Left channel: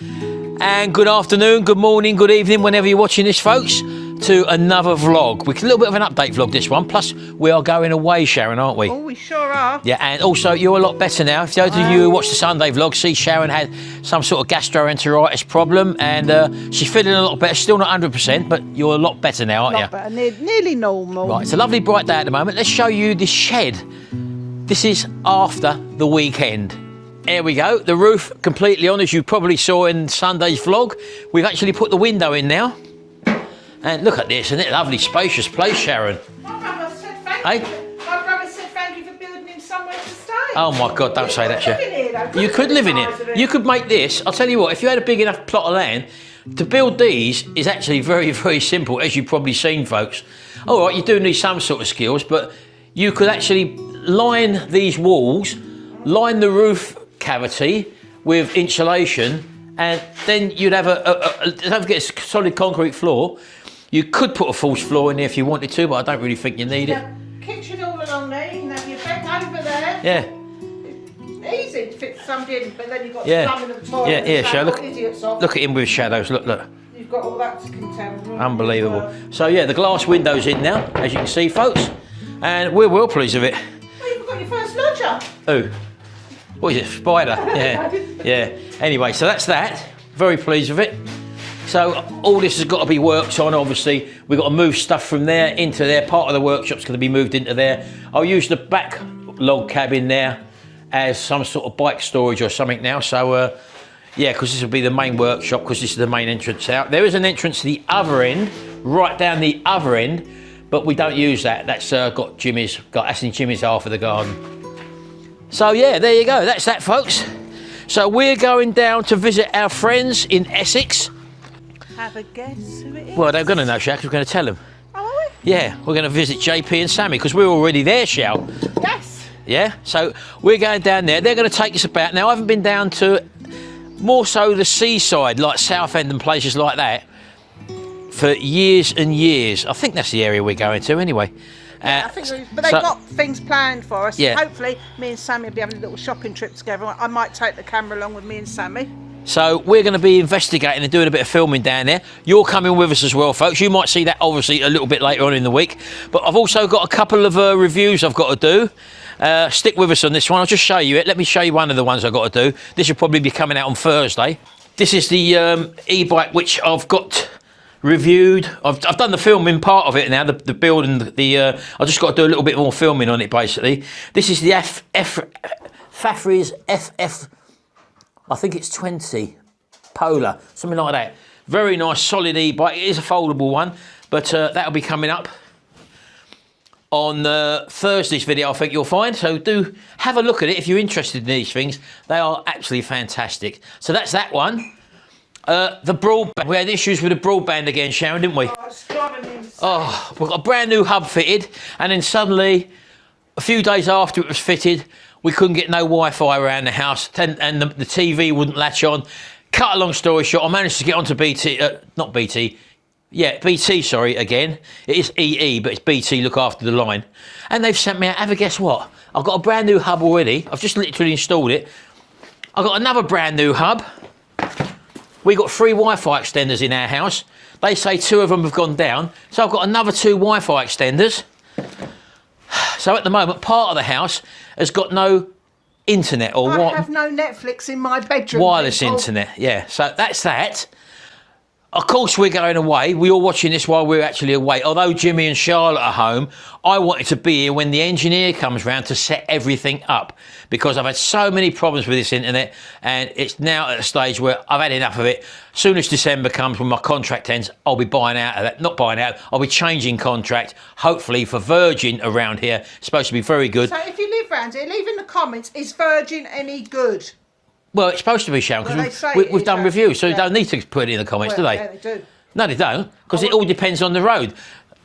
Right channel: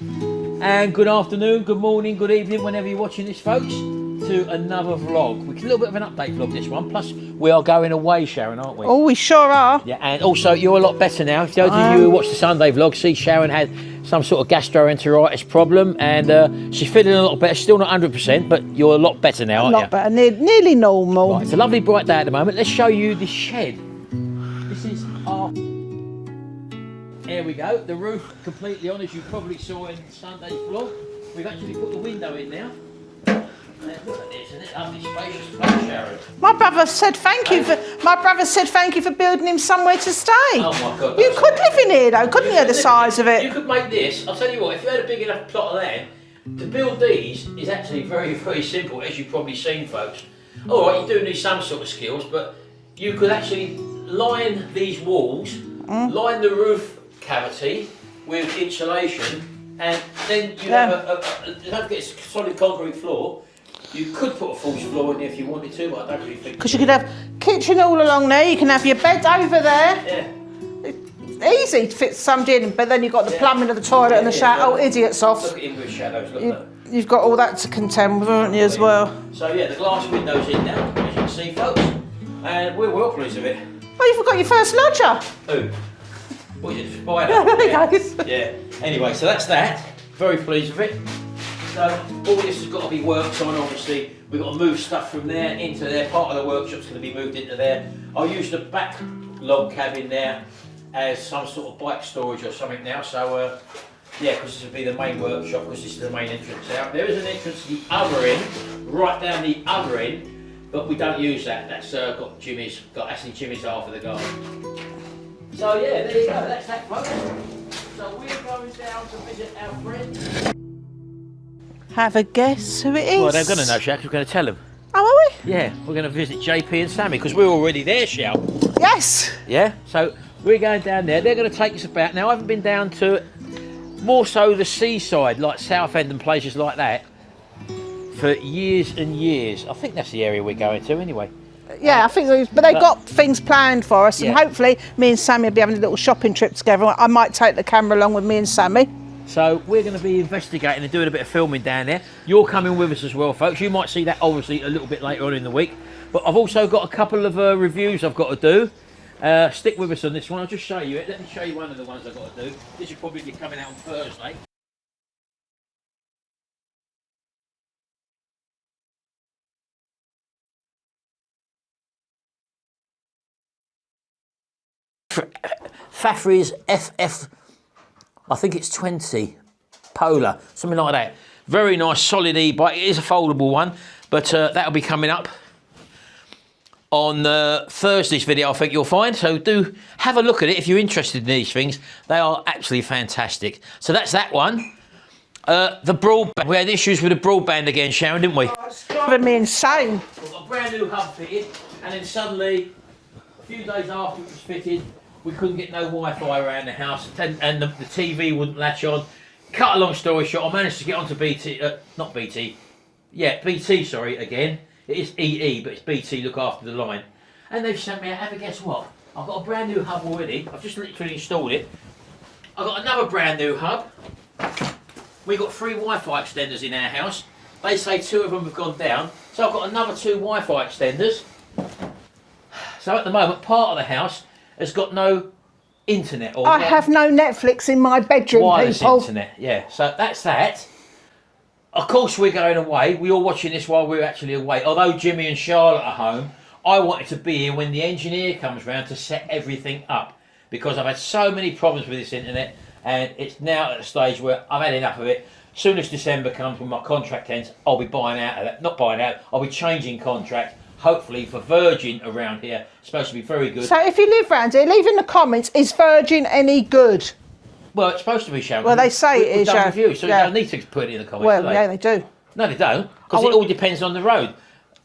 And good afternoon, good morning, good evening, whenever you're watching this, folks, to another vlog. We're a little bit of an update vlog, this one. Plus, we are going away, Sharon, aren't we? Oh, we sure are. Yeah, and also, you're a lot better now. If those of you who watch the Sunday vlog, see Sharon had some sort of gastroenteritis problem, and she's feeling a lot better. Still not 100%, but you're a lot better now, aren't you? A lot better, nearly normal. Right, it's a lovely bright day at the moment. Let's show you this shed. This is after the weekend. There we go, the roof completely on, as you probably saw in Sunday's vlog. We've actually put the window in now. And look at this, isn't it? Lovely, spacious place, Sharon. My brother said thank you for building him somewhere to stay. Oh my God, don't say that. You could live in here though, couldn't you, the size of it? You could make this, I'll tell you what, if you had a big enough plot of land, to build these is actually very, very simple, as you've probably seen, folks. All right, you do need some sort of skills, but you could actually line these walls, line the roof cavity with insulation, and then you'd have don't forget a solid concrete floor. You could put a false floor in there if you wanted to, but I don't really think you need it. You could have kitchen all along there, you can have your bed over there. Yeah. Easy to fit somebody in, but then you've got the plumbing of the toilet and the shower. Oh, idiots off. Look at him with shadows, look. You've got all that to contend with, haven't you, as well? So yeah, the glass window's in now, as you can see, folks, and we're well pleased with it. Oh, you forgot your first lodger. Who? What is it, Spider? Yeah. Anyway, so that's that. Very pleased with it. So all this has got to be worked on, obviously. We've got to move stuff from there into there. Part of the workshop's going to be moved into there. I'll use the back log cabin there as some sort of bike storage or something now. So, yeah, because this will be the main workshop, because this is the main entrance out. There is an entrance to the other end, right down the other end, but we don't use that. That's got that's in Jimmy's half of the garden. So yeah, there you go, that's that, folks. So we're going down to visit our friends in Essex. Have a guess who it is? Well, they're going to know, Shaq, we're going to tell them. Oh, are we? Yeah, we're going to visit JP and Sammy, because we're already there, Shell. Yes. Yeah, so we're going down there. They're going to take us about. Now, I haven't been down to more so the seaside, like Southend and places like that, for years and years. I think that's the area we're going to anyway. Yeah, I think but they've got things planned for us, and hopefully me and Sammy will be having a little shopping trip together. I might take the camera along with me and Sammy. So we're going to be investigating and doing a bit of filming down there. You're coming with us as well, folks. You might see that, obviously, a little bit later on in the week. But I've also got a couple of reviews I've got to do. Stick with us on this one. I'll just show you it. Let me show you one of the ones I've got to do. This will probably be coming out on Thursday. This is the e-bike which I've got reviewed. I've done the filming part of it now, the build and I've just got to do a little bit more filming on it, basically. This is the Fafri's FF, I think it's 20 Polar, something like that. Very nice, solid e-bike. It is a foldable one, but that'll be coming up on Thursday's video, I think you'll find. So do have a look at it if you're interested in these things. They are absolutely fantastic. So that's that one. The broadband. We had issues with the broadband again, Sharon, didn't we? Oh, it's driving me insane. Oh, we've got a brand new hub fitted, and then suddenly, a few days after it was fitted, we couldn't get no Wi-Fi around the house, and the TV wouldn't latch on. Cut a long story short, I managed to get onto BT, not BT, yeah, BT, sorry, again. It is EE, but it's BT, look after the line. And they've sent me out, have a guess what? I've got a brand new hub already. I've just literally installed it. I've got another brand new hub. We've got 3 Wi-Fi extenders in our house. They say 2 of them have gone down. So I've got another 2 Wi-Fi extenders. So at the moment, part of the house has got no internet. I have no Netflix in my bedroom, wireless internet, yeah. So that's that. Of course, we're going away. We are watching this while we're actually away. Although Jimmy and Charlotte are home, I wanted to be here when the engineer comes round to set everything up, because I've had so many problems with this internet, and it's now at a stage where I've had enough of it. Soon as December comes, when my contract ends, I'll be buying out of that. Not buying out, I'll be changing contract, hopefully for Virgin around here. It's supposed to be very good. So if you live round here, leave in the comments, is Virgin any good? Well, it's supposed to be, Sharon. Well, they say we've done reviews, so you don't need to put it in the comments, do they? Yeah, they do. No, they don't, because it all depends on the road.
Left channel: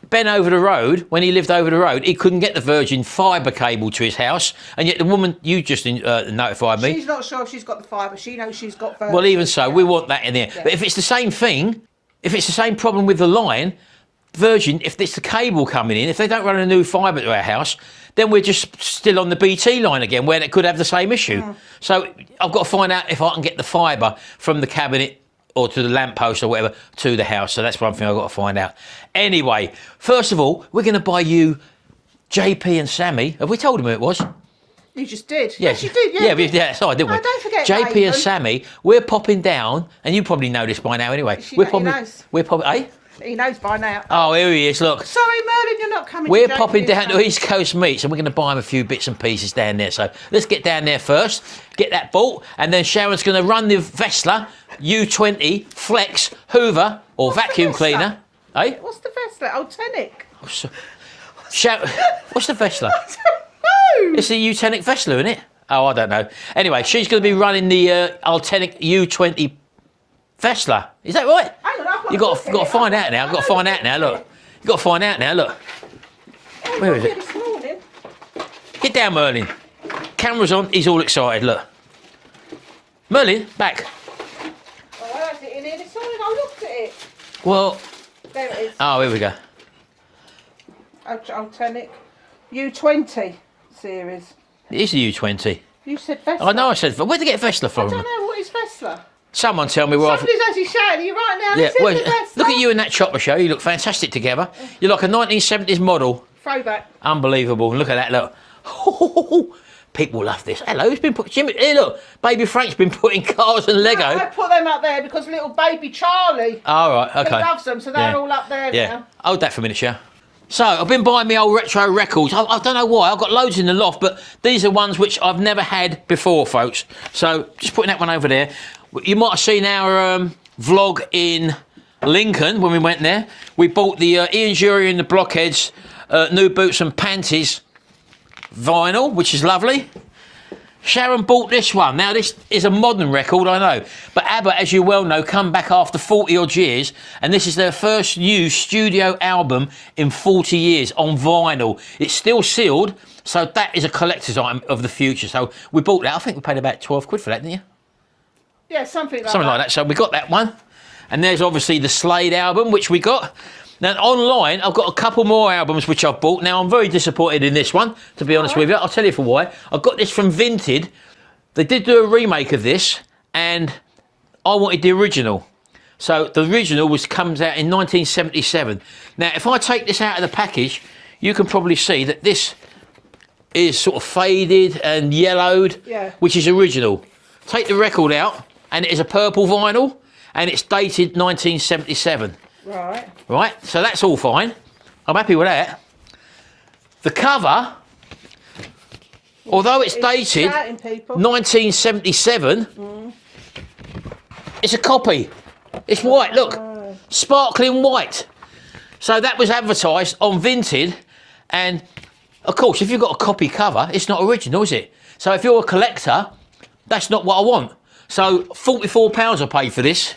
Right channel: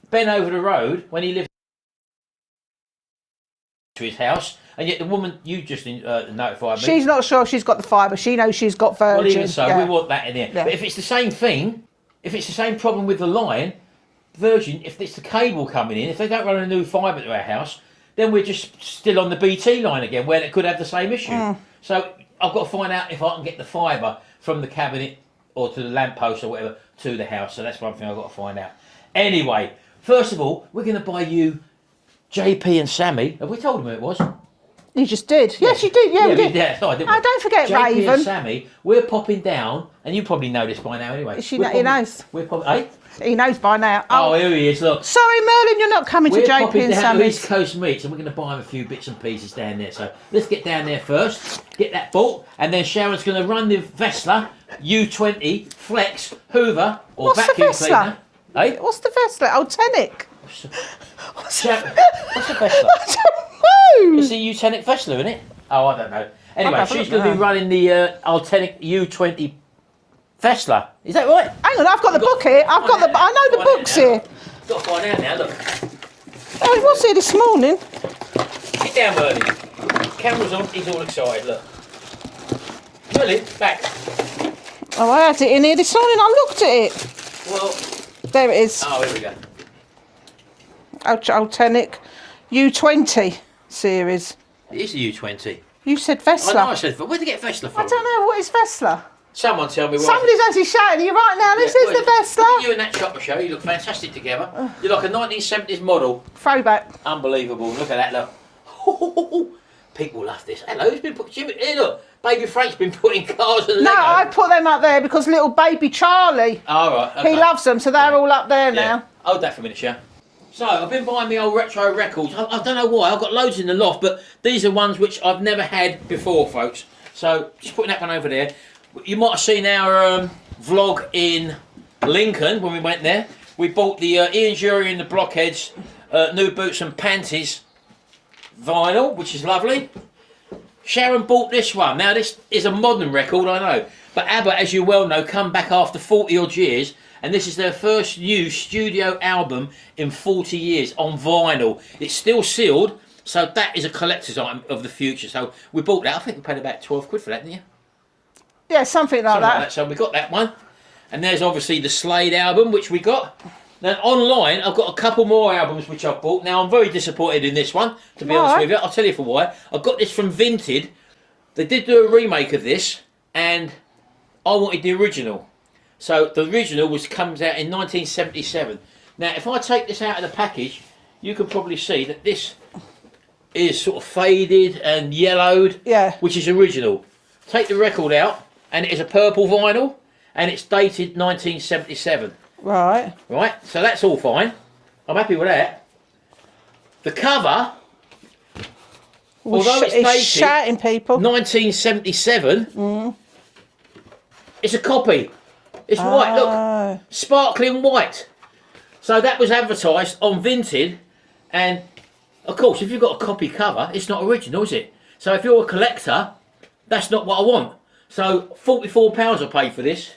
Ben over the road, when he lived over the road, he couldn't get the Virgin fibre cable to his house, and yet the woman, you just notified me. She's not sure she's got the fibre, she knows she's got Virgin. Well, even so, we want that in there. Yeah. But if it's the same thing, if it's the same problem with the line, Virgin, if it's the cable coming in, if they don't run a new fibre to our house, then we're just still on the BT line again, where it could have the same issue. So I've got to find out if I can get the fibre from the cabinet or to the lamppost or whatever to the house. So that's one thing I've got to find out. Anyway, first of all, we're going to buy you JP and Sammy. Have we told them who it was? You just did. Yes, you did. Yeah, yeah, sorry, didn't we? Oh, don't forget JP Raven. and Sammy, we're popping down, and you probably know this by now anyway. He knows. We're popping, eh? He knows by now. Oh, here he is, look. Sorry, Merlin, you're not coming to JP We're popping down Sammy's. to East Coast Meats, and we're going to buy him a few bits and pieces down there. So let's get down there first, get that bought, and then Sharon's going to run the Vessler U20 Flex Hoover or What's vacuum the cleaner. Eh? What's the Vessler? Ultenic. What's the Vessler? I don't know. It's the Ultenic Vessler, isn't it? Oh, I don't know. Anyway, she's going to be running the Ultenic U20 Vessler. Is that right? Hang on, I've got the book here. You've got to find out now. You've got to find out now, look. Oh, he was here this morning. Get down, Merlin. Camera's on, he's all excited, look. Merlin, back. Oh, I had it in here this morning. I looked at it. Well... There it is. Oh, here we go. Ultenic U20 series. It is the U20. You said Vessler. I know I said... Where'd they get Vessler from? I don't know. What is Vessler? Someone tell me where Somebody's actually shouting at you right now. This is the Vessler. Look at you in that chopper show. You look fantastic together. You're like a 1970s model. Throwback. Unbelievable. Look at that, look. People love this. Hello, who's been put... Jimmy, hey, look. Baby Frank's been putting cars and Lego. No, I put them up there because little baby Charlie... Oh, right, okay. He loves them, so they're all up there now. Hold that for a minute, Sharon. So, I've been buying me old retro records. I don't know why. I've got loads in the loft, but these are ones which I've never had before, folks. So, just putting that one over there. You might have seen our vlog in Lincoln when we went there. We bought the Ian Jury and the Blockheads New Boots and Panties vinyl, which is lovely. Sharon bought this one. Now, this is a modern record, I know. But ABBA, as you well know, come back after 40-odd years, and this is their first new studio album in 40 years on vinyl. It's still sealed, so that is a collector's item of the future. So we bought that. I think we paid about 12 quid for that, didn't you? Yeah, something like that. So we got that one. And there's obviously the Slade album, which we got. Now, online, I've got a couple more albums which I've bought. Now, I'm very disappointed in this one, to be honest with you. I'll tell you for why. I got this from Vinted. They did do a remake of this, and I wanted the original. So the original comes out in 1977. Now, if I take this out of the package, you can probably see that this is sort of faded and yellowed, which is original. Take the record out, and it is a purple vinyl, and it's dated 1977. Right. Right, so that's all fine. I'm happy with that. The cover, although it's dated shouting people. 1977, it's a copy. It's white, look, sparkling white. So that was advertised on Vinted, and of course, if you've got a copy cover, it's not original, is it? So if you're a collector, that's not what I want. So £44 I paid for this.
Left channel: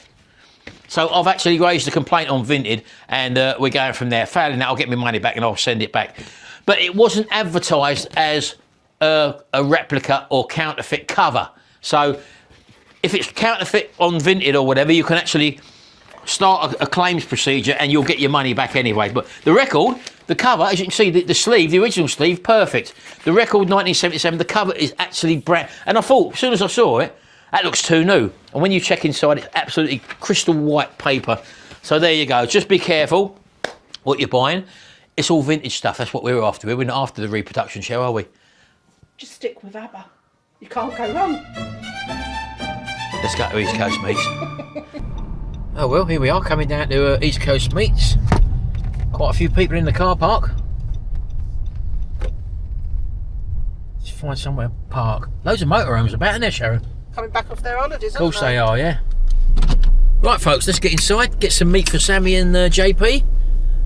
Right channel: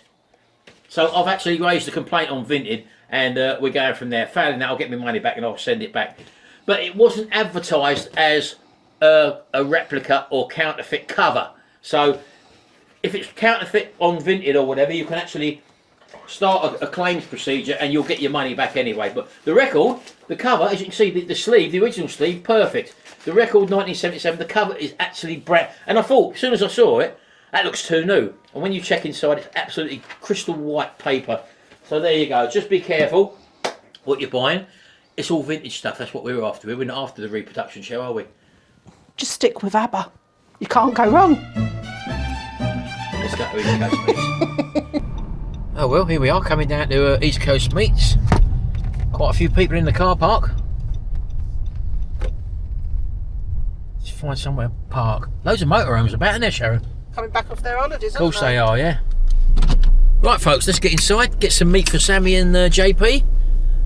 So I've actually raised a complaint on Vinted, and we're going from there. Failing that, I'll get my money back and I'll send it back. But it wasn't advertised as a replica or counterfeit cover. So if it's counterfeit on Vinted or whatever, you can actually start a claims procedure and you'll get your money back anyway. But the record, the cover, as you can see, the sleeve, the original sleeve, perfect. The record, 1977, the cover is actually brand. And I thought, as soon as I saw it, that looks too new. And when you check inside, it's absolutely crystal white paper. So there you go. Just be careful what you're buying. It's all vintage stuff. That's what we're after. We're not after the reproduction show, are we? Just stick with ABBA. You can't go wrong. Let's go to East Coast Meats. Oh, well, here we are, coming down to East Coast Meats. Quite a few people in the car park. Let's find somewhere to park. Loads of motorhomes about, isn't there, Sharon? Coming back off their holidays, Of course they are, yeah. Right, folks, let's get inside, get some meat for Sammy and JP,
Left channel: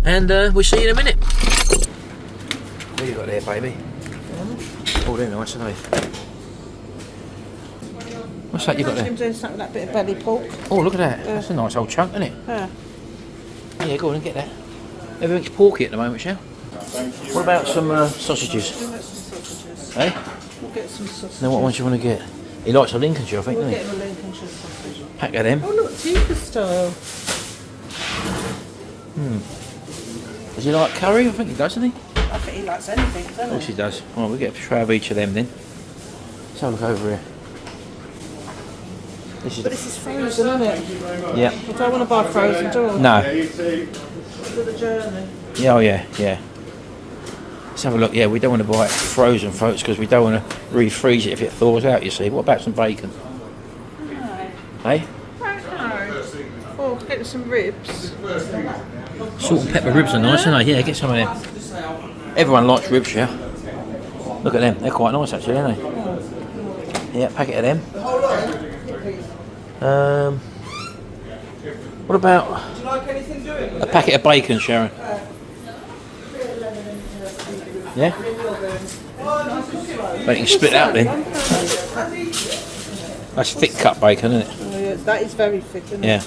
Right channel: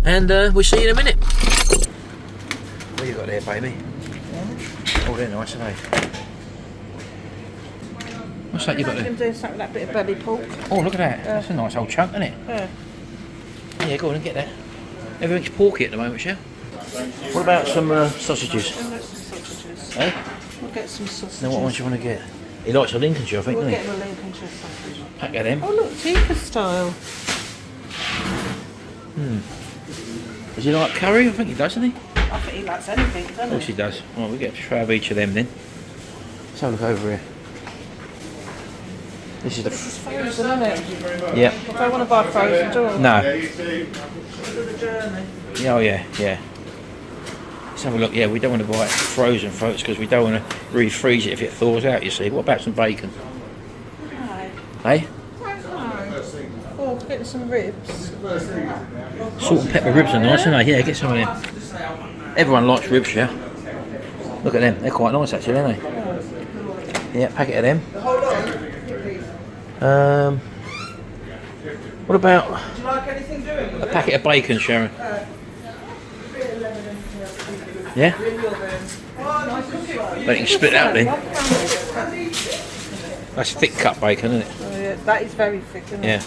and we'll see you in a minute. What you got there, baby? Oh, they're nice, aren't they? What's that you got there? I'm doing something with that bit of belly pork. Oh, look at that. That's a nice old chunk, isn't it? Yeah, go on and get that. Everything's porky at the moment, Shell. What about some sausages? I'll get some sausages. Eh? I'll get some sausages. Now, what ones do you want to get? He likes a Lincolnshire, I think, We'll doesn't get the Lincolnshire sausage. he? Pack of them. Oh, look, tikka style. Does he like curry? I think he does, doesn't he? I think he likes anything, doesn't he? Of course he does. Well, we'll get a tray of each of them then. Let's have a look over here. This is frozen, isn't it? Yeah. You don't want to buy frozen, do you? No. For the journey. Yeah, oh yeah, yeah. Let's have a look. Yeah, we don't want to buy it frozen, folks, because we don't want to refreeze it if it thaws out, you see. What about some bacon? No. Hey? Oh, get some ribs. Salt and pepper ribs are nice, aren't they? Yeah, get some of them. Everyone likes ribs, yeah. Look at them. They're quite nice, actually, aren't they? Yeah, packet of them. What about a packet of bacon, Sharon? Yeah? But you can split out then. That's thick cut bacon, isn't it? Oh, yeah, that is very thick, isn't it? Yeah.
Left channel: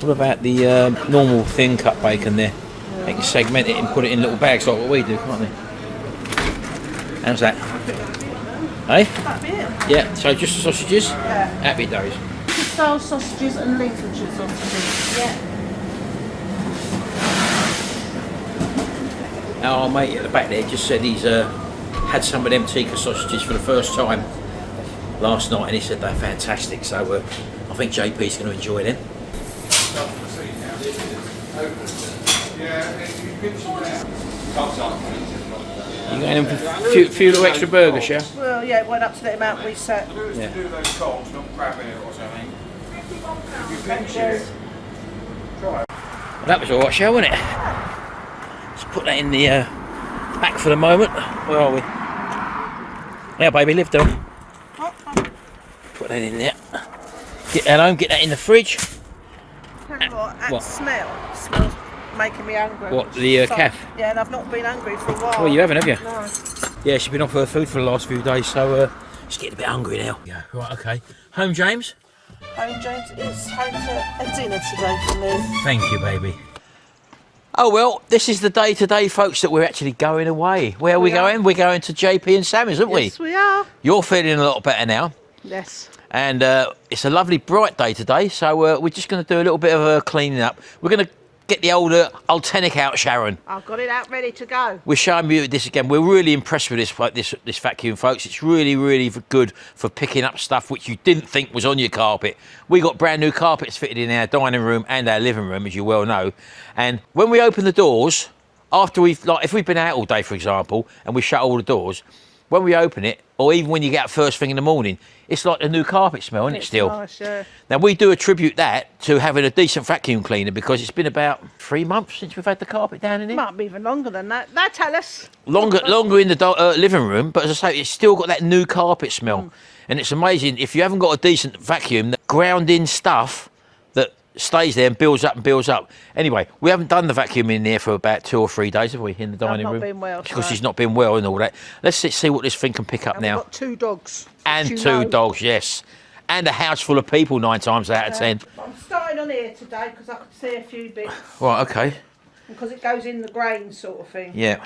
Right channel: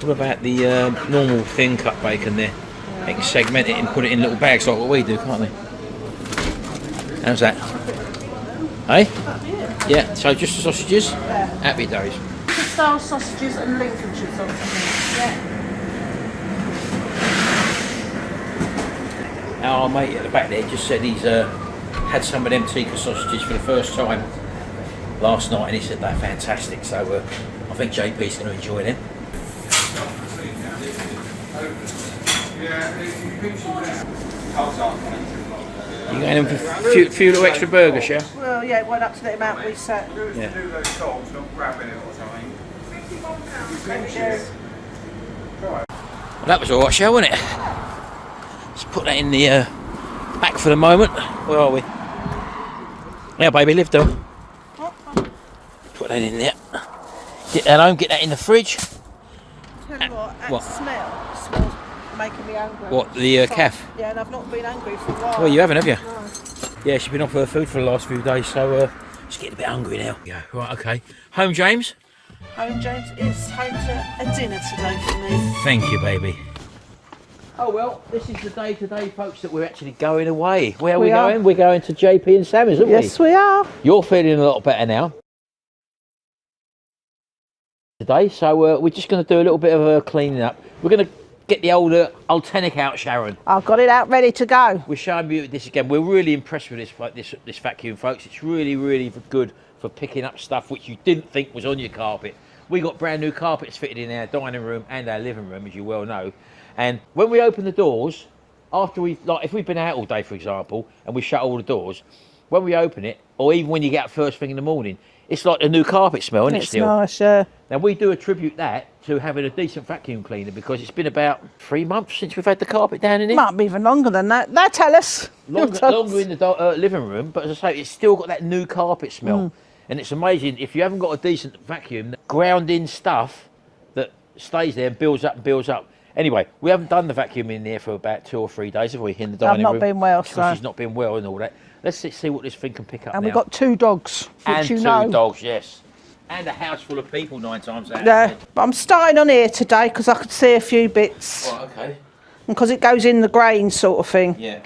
What about the normal thin cut bacon there? Yeah. They can segment it and put it in little bags like what we do, can't they? How's that? Hey? Yeah, so just the sausages? Yeah. Happy days. Style sausages and Lincolnshire sausages. Yeah. Our mate at the back there just said he's had some of them tikka sausages for the first time last night, and he said they're fantastic. So I think JP's going to enjoy them. You going in for a few little extra burgers, yeah? Well, yeah, it went up to the amount we set. Yeah. Well, that was alright, shall, wasn't it? Let's put that in the back for the moment. Where are we? Yeah, baby, live down. Put that in there. Get that home, get that in the fridge. What? Smells making me hungry. What, the calf? Yeah, and I've not been hungry for a while. Well, you haven't, have you? No. Yeah, she's been off her food for the last few days, so she's getting a bit hungry now. Yeah, right, okay. Home, James? Home, James, is home to a dinner today for me. Thank you, baby. Oh, well, this is the day today, folks, that we're actually going away. Where are we going? We're going to JP and Sammy's, aren't we? Yes, we are. You're feeling a lot better now. Yes. And it's a lovely bright day today, so we're just going to do a little bit of a cleaning up. We're going to get the old Ultenic out, Sharon. I've got it out ready to go. We're showing you this again. We're really impressed with this vacuum, folks. It's really, really good for picking up stuff which you didn't think was on your carpet. We got brand new carpets fitted in our dining room and our living room, as you well know. And when we open the doors, after if we've been out all day, for example, and we shut all the doors, when we open it, or even when you get up first thing in the morning, it's like a new carpet smell, isn't it, still? Nice, yeah. Now, we do attribute that to having a decent vacuum cleaner because it's been about 3 months since we've had the carpet down in here. Might be even longer than that. Now tell us. Longer in the living room, but as I say, it's still got that new carpet smell. And it's amazing, if you haven't got a decent vacuum, the ground-in stuff that stays there and builds up and builds up. Anyway, we haven't done the vacuum in there for about 2 or 3 days, have we, in the dining room? I've not been well, because she's not been well and all that. Let's see what this thing can pick up and now. we've got 2 dogs. And 2 dogs, yes. And a house full of people 9 times out of 10. But I'm starting on here today because I could see a few bits. Right, okay. And because it goes in the grain sort of thing. Yeah.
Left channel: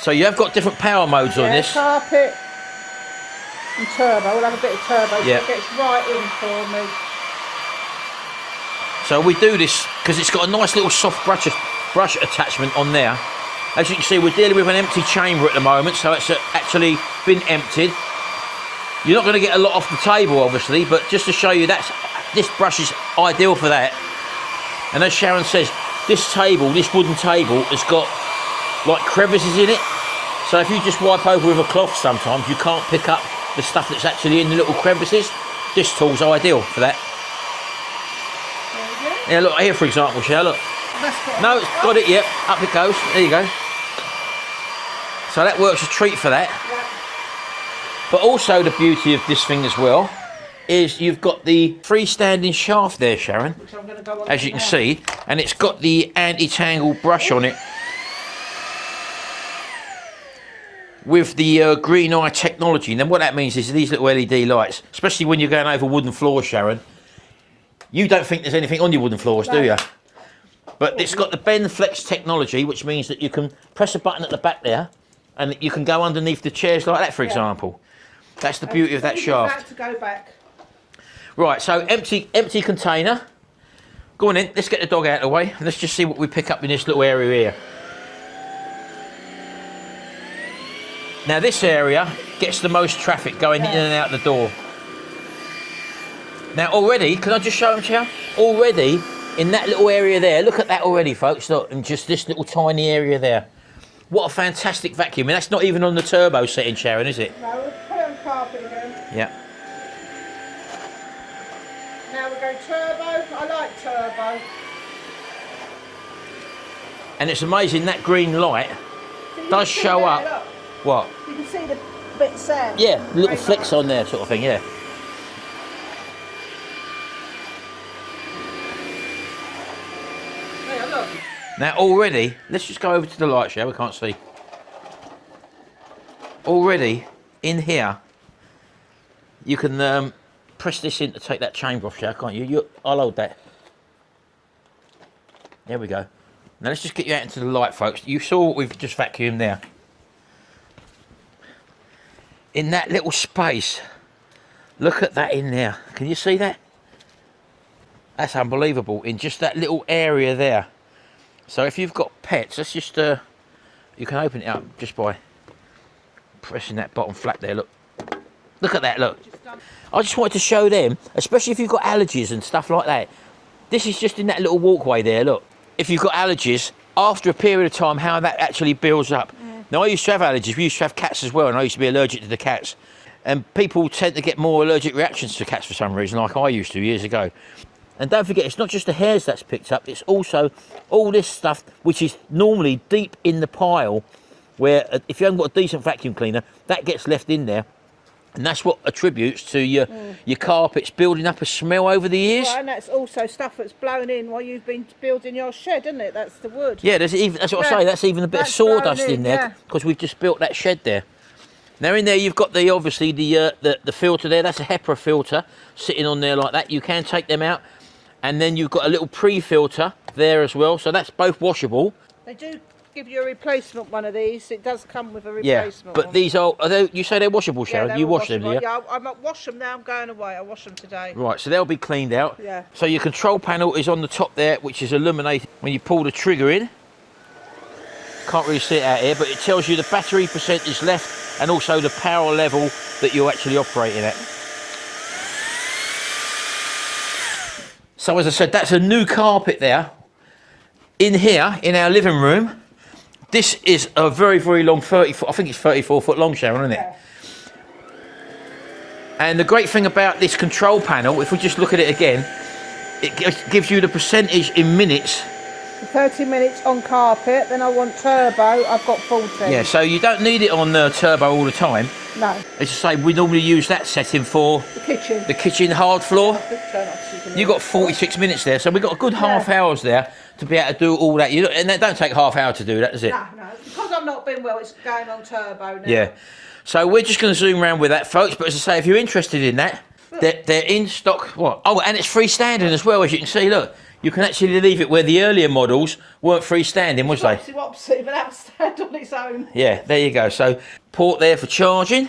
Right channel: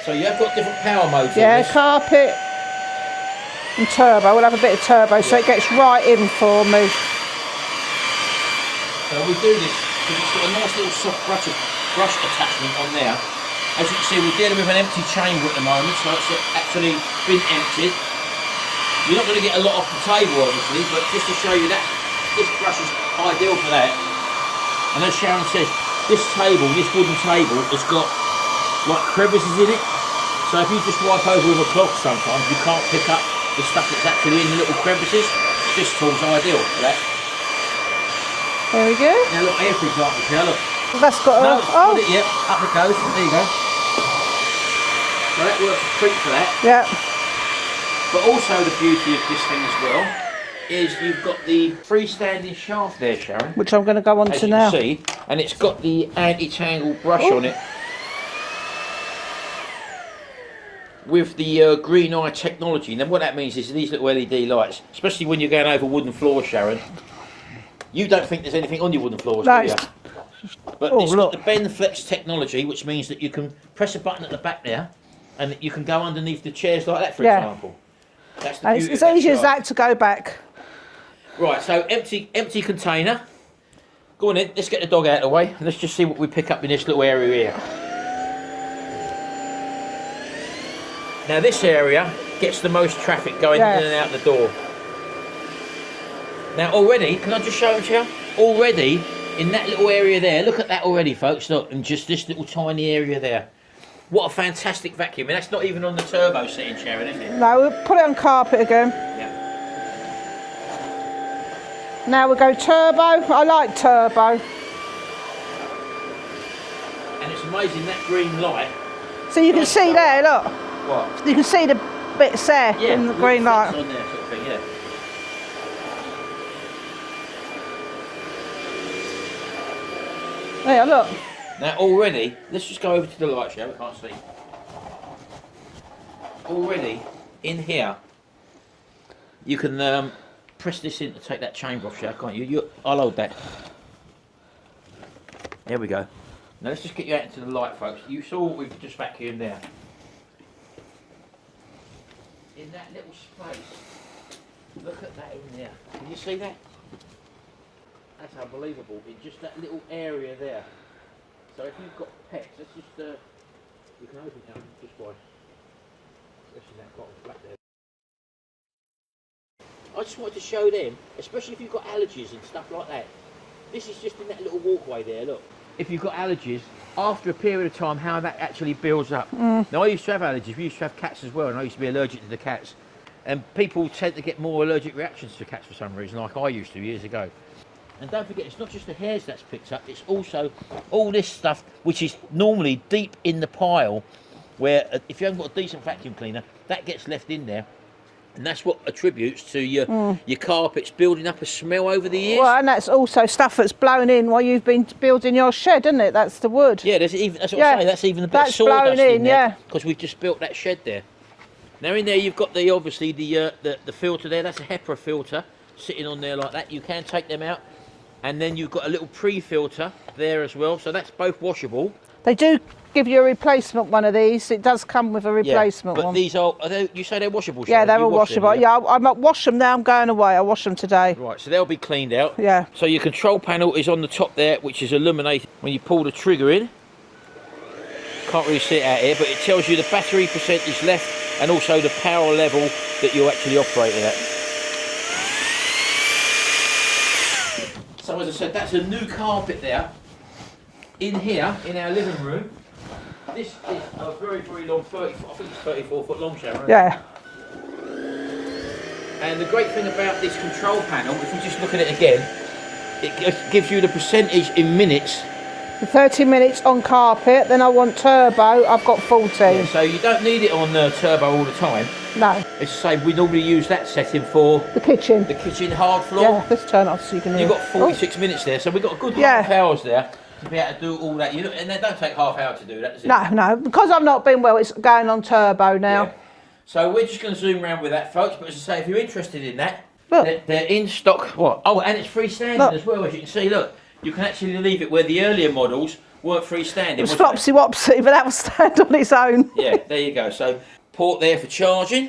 So you have got different power modes on this. Yeah, carpet and turbo. We'll have a bit of turbo so it gets right in for me. So we do this because it's got a nice little soft brush attachment on there. As you can see, we're dealing with an empty chamber at the moment, so it's actually been emptied. You're not going to get a lot off the table, obviously, but just to show you that this brush is ideal for that. And as Sharon says, this wooden table, has got like crevices in it. So if you just wipe over with a cloth sometimes, you can't pick up the stuff that's actually in the little crevices. This tool's ideal for that. Very good. Yeah, look here, for example, Sharon, look. Well, that's got it's got it, yep. Up it goes. There you go. So that works a treat for that. Yeah. But also the beauty of this thing as well is you've got the freestanding shaft there, Sharon. Which I'm going to go on to now. As you can see, and it's got the anti-tangle brush on it. With the green eye technology. And then what that means is these little LED lights, especially when you're going over wooden floors, Sharon, you don't think there's anything on your wooden floors, do you? But it's got the bend flex technology, which means that you can press a button at the back there and you can go underneath the chairs like that, for example. That's the beauty of that shaft. It's as easy as that to go back. Right, so empty container. Go on in, let's get the dog out of the way. Let's just see what we pick up in this little area here. Now this area gets the most traffic going in and out the door. Now already, can I just show them to you? Already, in that little area there, look at that already, folks, look, in just this little tiny area there. What a fantastic vacuum. I mean, that's not even on the turbo setting, Sharon, is it? No, we'll put it on carpet again. Yeah. Now we go turbo. I like turbo. And it's amazing, that green light. So you can see there, look. What? You can see the bits there in the green light. Flicks on there sort of thing, yeah. Yeah, look. Now already, let's just go over to the light, shall we? Can't see. Already, in here, you can press this in to take that chamber off, shall can't you? I'll hold that. There we go. Now let's just get you out into the light, folks. You saw what we've just vacuumed there. In that little space, look at that in there. Can you see that? That's unbelievable, in just that little area there. So if you've got pets, let's just, you can open it up just by pressing that bottom flap there, look. Look at that, look. I just wanted to show them, especially if you've got allergies and stuff like that. This is just in that little walkway there, look. If you've got allergies, after a period of time, how that actually builds up. Now, I used to have allergies. We used to have cats as well, and I used to be allergic to the cats. And people tend to get more allergic reactions to cats for some reason, like I used to years ago. And don't forget, it's not just the hairs that's picked up, it's also all this stuff which is normally deep in the pile, where if you haven't got a decent vacuum cleaner, that gets left in there. And that's what attributes to your carpets building up a smell over the years. Well, and that's also stuff that's blown in while you've been building your shed, isn't it? That's the wood. Yeah, that's what I say. That's even a bit of sawdust in there, because we've just built that shed there. Now in there you've got obviously the filter there. That's a HEPA filter sitting on there like that. You can take them out, and then you've got a little pre-filter there as well. So that's both washable. They do give you a replacement one of these. It does come with a replacement one. But these are they, you say they're washable, Sharon? Yeah, they're all washable. Them, yeah, I might wash them now. I'm going away. I'll wash them today. Right, so they'll be cleaned out. Yeah. So your control panel is on the top there, which is illuminated when you pull the trigger in. Can't really see it out here, but it tells you the battery percentage left and also the power level that you're actually operating at. So as I said, that's a new carpet there. In here, in our living room, this is a very, very long 34, I think it's 34 foot long, Sharon, isn't it? Yeah. And the great thing about this control panel, if we just look at it again, it gives you the percentage in minutes. 30 minutes on carpet, then I want turbo, I've got 14. Yeah, so you don't need it on turbo all the time. No. It's the same, we normally use that setting for... the kitchen. The kitchen hard floor. Yeah, let's turn off so you can... You've got 46 minutes there, so we've got a good half hours there to be able to do all that. And that don't take half hour to do that, does it? No, because I've not been well, it's going on turbo now. Yeah. So we're just going to zoom around with that, folks, but as I say, if you're interested in that, they're in stock. What? Oh, and it's freestanding as well, as you can see, look. You can actually leave it where the earlier models weren't freestanding, was they? Flopsy wopsy, but that will stand on its own. Yeah, there you go. So port there for charging.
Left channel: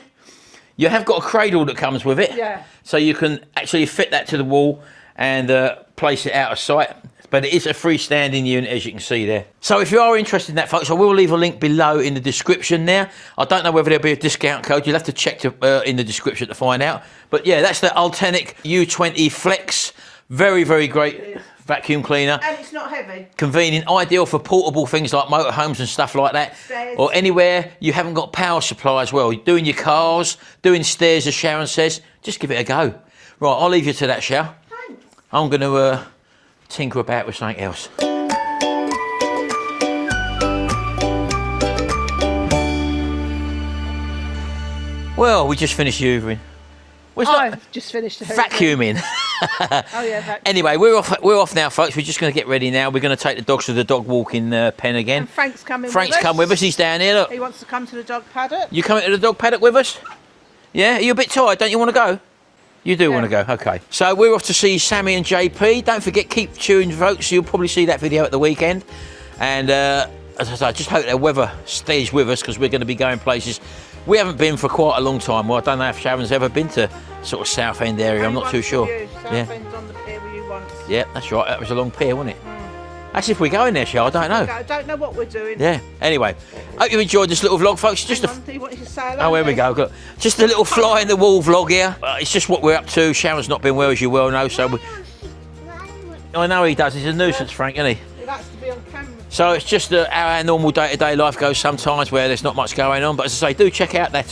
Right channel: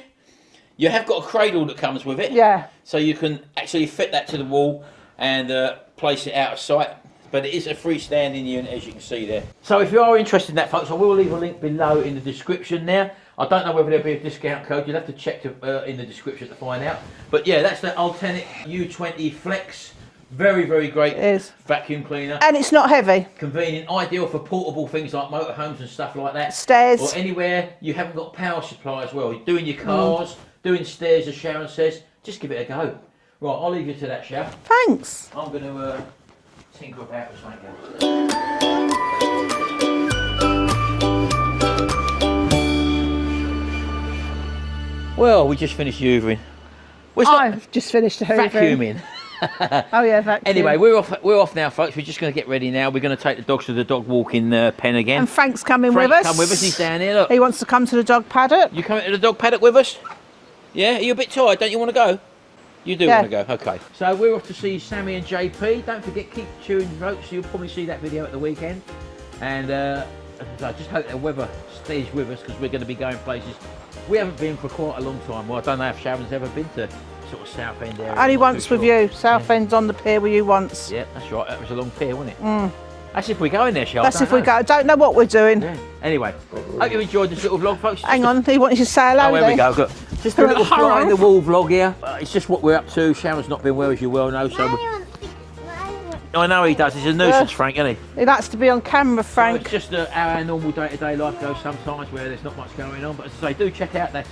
You have got a cradle that comes with it. Yeah. So you can actually fit that to the wall and place it out of sight. But it is a freestanding unit, as you can see there. So if you are interested in that, folks, I will leave a link below in the description there. I don't know whether there'll be a discount code. You'll have to check in the description to find out. But yeah, that's the Ultenic U20 Flex. Very, very great vacuum cleaner. And it's not heavy. Convenient, ideal for portable things like motorhomes and stuff like that. Stairs. Or anywhere you haven't got power supply as well. You're doing your cars, doing stairs, as Sharon says. Just give it a go. Right, I'll leave you to that, Sharon. Thanks. I'm going to tinker about with something else. Well, we just finished hoovering. I've just finished hoovering. Vacuuming. Oh yeah, vacuum. Anyway, we're off now, folks. We're just going to get ready now. We're going to take the dogs to the dog walking pen again. And Frank's coming with us. Frank's come with us. He's down here. Look. He wants to come to the dog paddock. You coming to the dog paddock with us? Yeah? Are you a bit tired? Don't you want to go? You do want to go? Okay. So we're off to see Sammy and JP. Don't forget, keep tuned, folks. You'll probably see that video at the weekend. And as I say, I just hope the weather stays with us because we're going to be going places we haven't been for quite a long time. Well, I don't know if Sharon's ever been to sort of Southend area. Only I'm not once too sure. with you. Southend's on the pier with you once. Yeah, that's right. That was a long pier, wasn't it? That's if we go in there, Charlotte. That's if we go. I don't know what we're doing. Yeah. Anyway, hope you've enjoyed this little vlog, folks. Hang on, he wanted to say hello. Oh, here we go. Look. Just a little fly in the wall vlog here. It's just what we're up to. Sharon's not been well, as you well know, so. I know he does. He's a nuisance, Frank, isn't he? He likes to be on camera, Frank. So it's just how our normal day-to-day life goes sometimes, where there's not much going on. But as I say, do check out that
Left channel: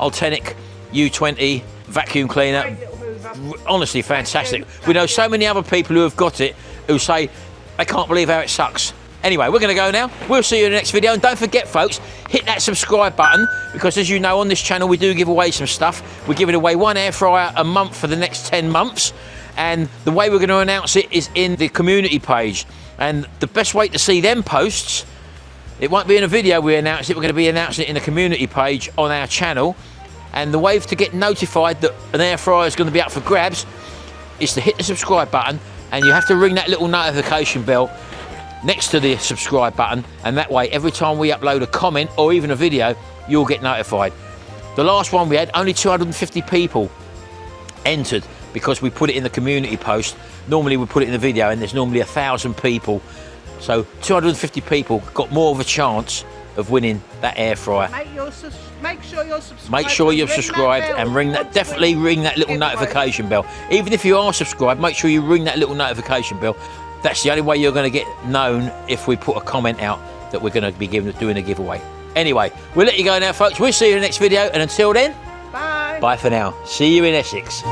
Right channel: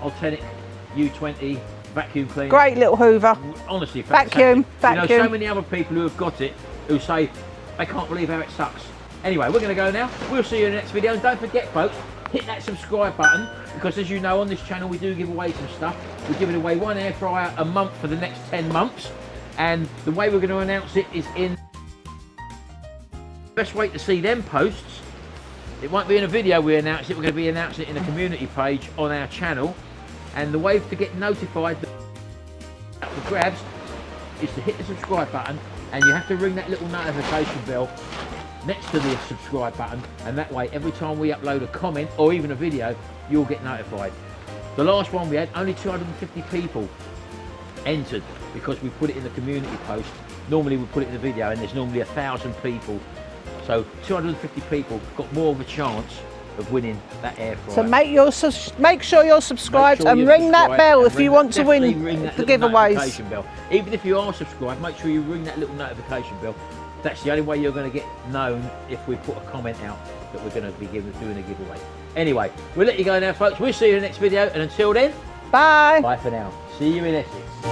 Ultenic U20 Vacuum cleaner. Great little Hoover. Honestly, fantastic. We know so many other people who have got it who say they can't believe how it sucks. Anyway, we're going to go now. We'll see you in the next video. And don't forget, folks, hit that subscribe button, because as you know, on this channel, we do give away some stuff. We're giving away 1 air fryer a month for the next 10 months. And the way we're going to announce it is in the community page. And the best way to see them posts, it won't be in a video we announce it. We're going to be announcing it in the community page on our channel. And the way to get notified that an air fryer is going to be up for grabs is to hit the subscribe button, and you have to ring that little notification bell next to the subscribe button, and that way every time we upload a comment or even a video, you'll get notified. The last one we had, only 250 people entered because we put it in the community post. Normally we put it in the video and there's normally 1,000 people. So 250 people got more of a chance of winning that air fryer. So make sure you're subscribed. Make sure and you've ring subscribed that bell and if ring you that, want to definitely win ring that little notification bell. Even if you are subscribed, make sure you ring that little notification bell. That's the only way you're going to get known if we put a comment out that we're going to be doing a giveaway. Anyway, we'll let you go now, folks. We'll see you in the next video, and until then, bye. Bye for now. See you in Essex.